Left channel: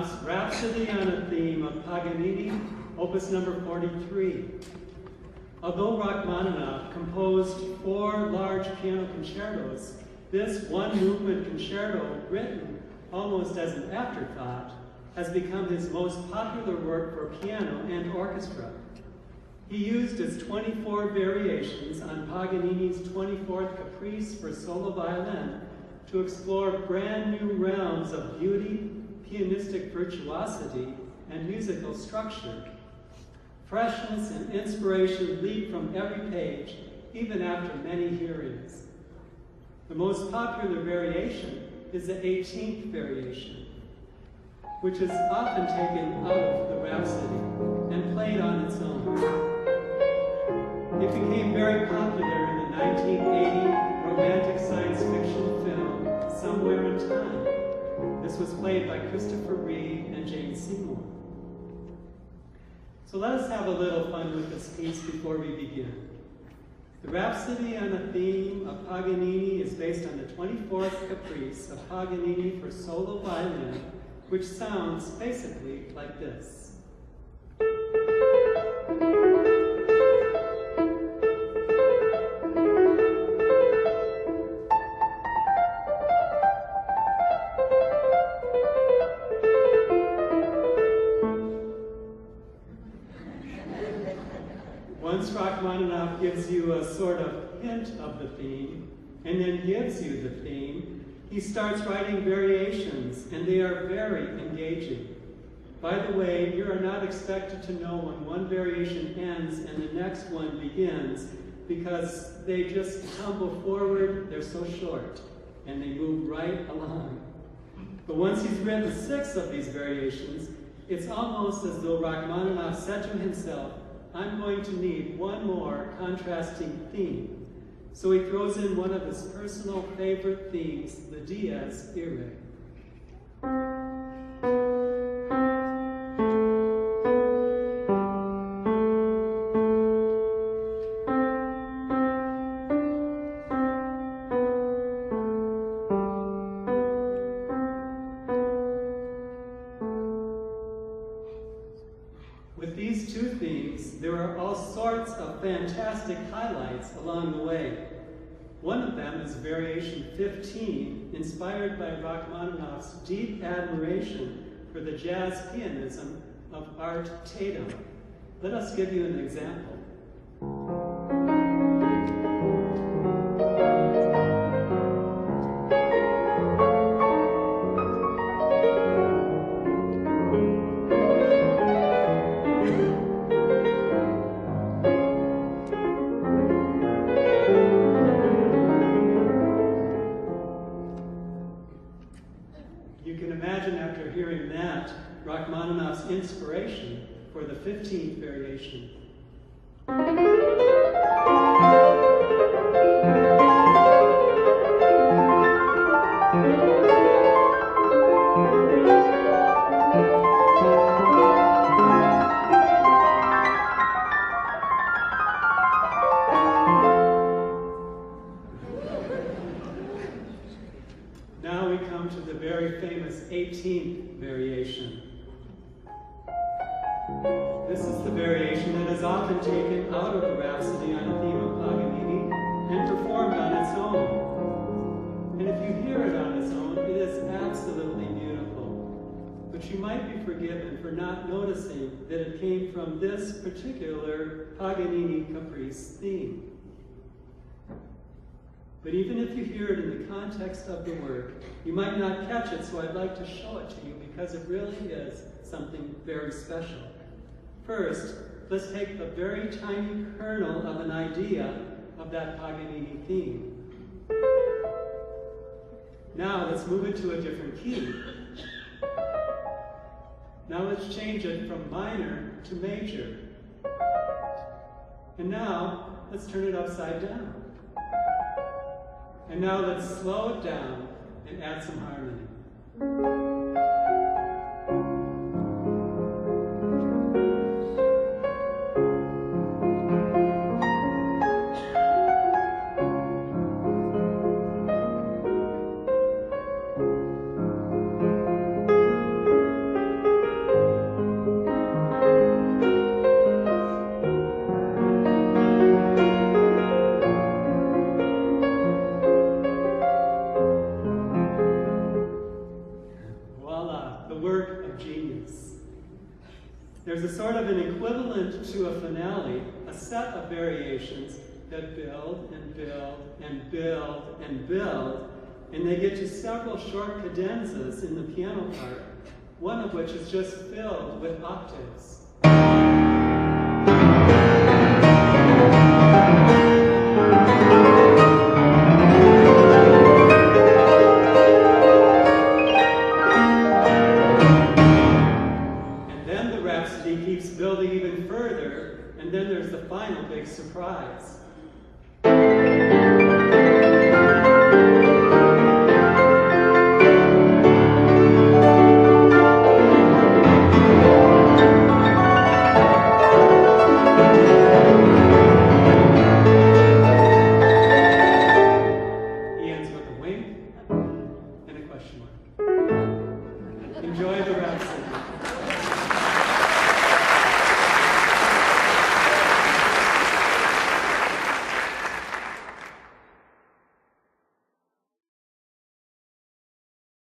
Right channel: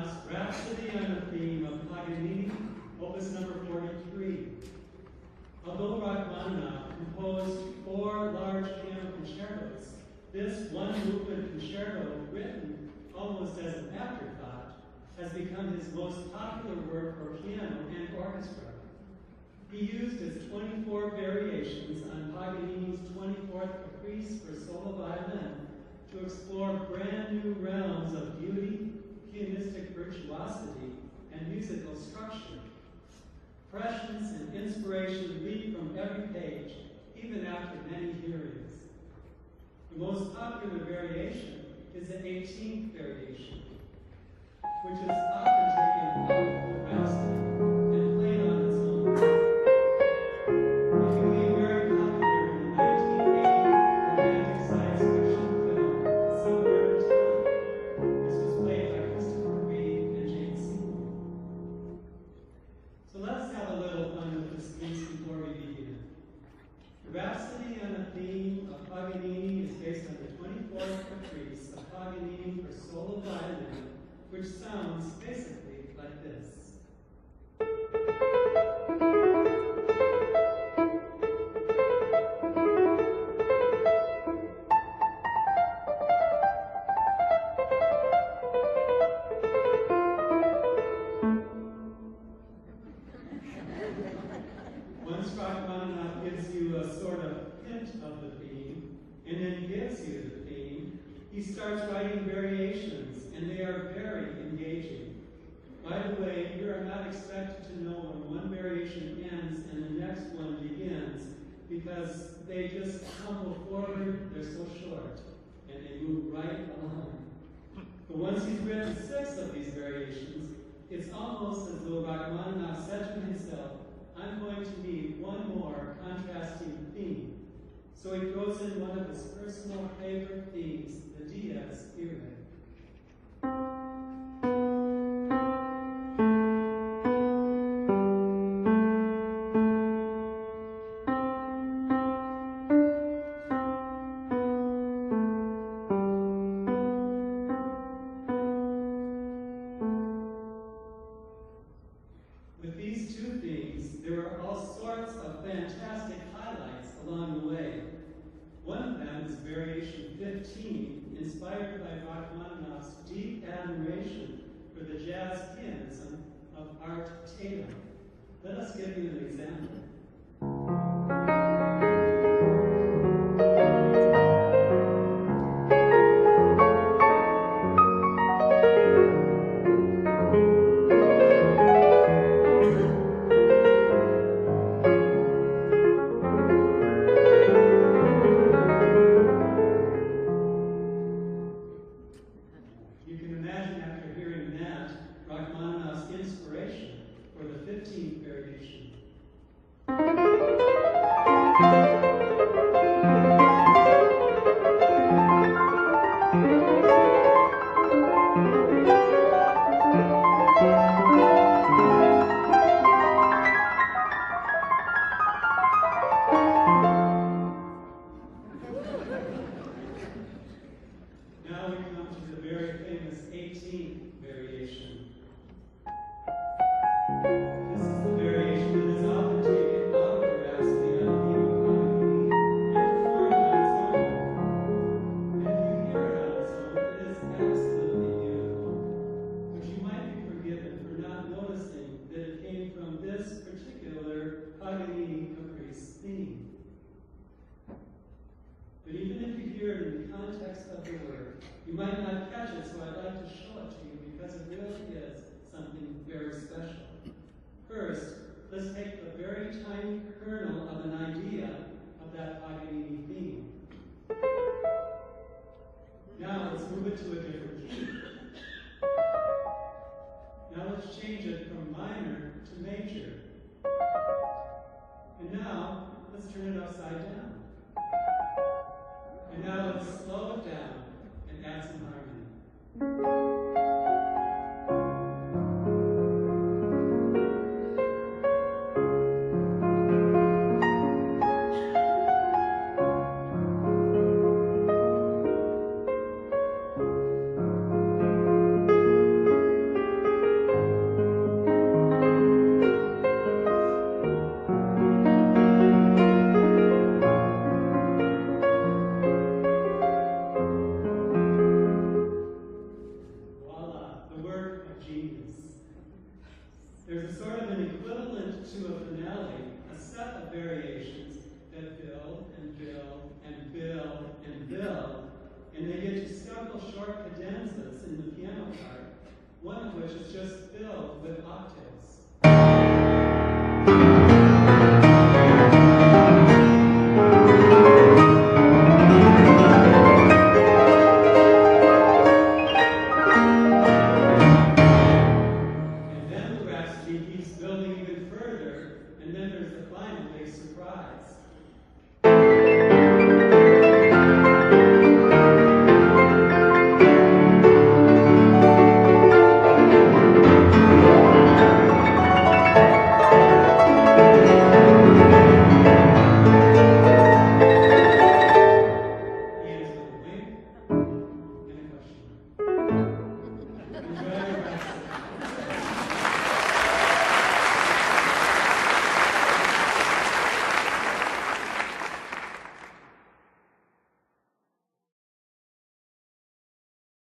Rachmaninoff's Rhapsody on a Theme of Paganini, Opus number 43. Although Rachmaninoff composed 4 large piano concertos, this one-movement concerto, written almost as an afterthought, has become his most popular work for piano and orchestra. He used his 24 variations on Paganini's 24th Caprice for solo violin to explore brand new realms of beauty, pianistic virtuosity, and musical structure. Freshness and inspiration leap from every page, even after many hearings. The most popular variation is the 18th variation, which is often taken out of the Rhapsody and played on its own. It became very popular in the 1980 romantic science fiction film, Somewhere in Time. This was played by Christopher Reeve and Jane Seymour. So let us have a little fun with this piece before we begin. The Rhapsody on the Theme of Paganini is based on the 24th Caprice of Paganini for solo violin, which sounds basically like this. Once Rachmaninoff gives you a sort of hint of the theme, and then gives you the theme, he starts writing variations, and they are very engaging. By the way, you are not expected to know when one variation ends and the next one begins, because they just tumble forward, they're so short, and they move right along. But once he's written 6 of these variations, it's almost as though Rachmaninoff said to himself, I'm going to need one more contrasting theme. So he throws in one of his personal favorite themes, the Dies Irae. With these 2 themes, there are all sorts of fantastic highlights along the way. One of them is Variation 15, inspired by Rachmaninoff's deep admiration for the jazz pianism of Art Tatum. Let us give you an example. Rachmaninoff's inspiration for the 15th variation. Now we come to the very famous 18th variation. This is the variation that is often taken out of the Rhapsody on a Theme of Paganini and performed on its own. And if you hear it on its own, it is absolutely beautiful. But you might be forgiven for not noticing that it came from this particular Paganini Caprice theme. But even if you hear it in the context of the work, you might not catch it, so I'd like to show it to you because it really is something very special. First, let's take a very tiny kernel of an idea of that Paganini theme. Now let's move it to a different key. Now let's change it from minor to major. And now let's turn it upside down. And now let's slow it down and add some harmony. there's a sort of an equivalent to a finale, a set of variations that build and build and build and build, and they get to several short cadenzas in the piano part, one of which is just filled with octaves. And then the Rhapsody keeps building even further, and then there's the final big surprise.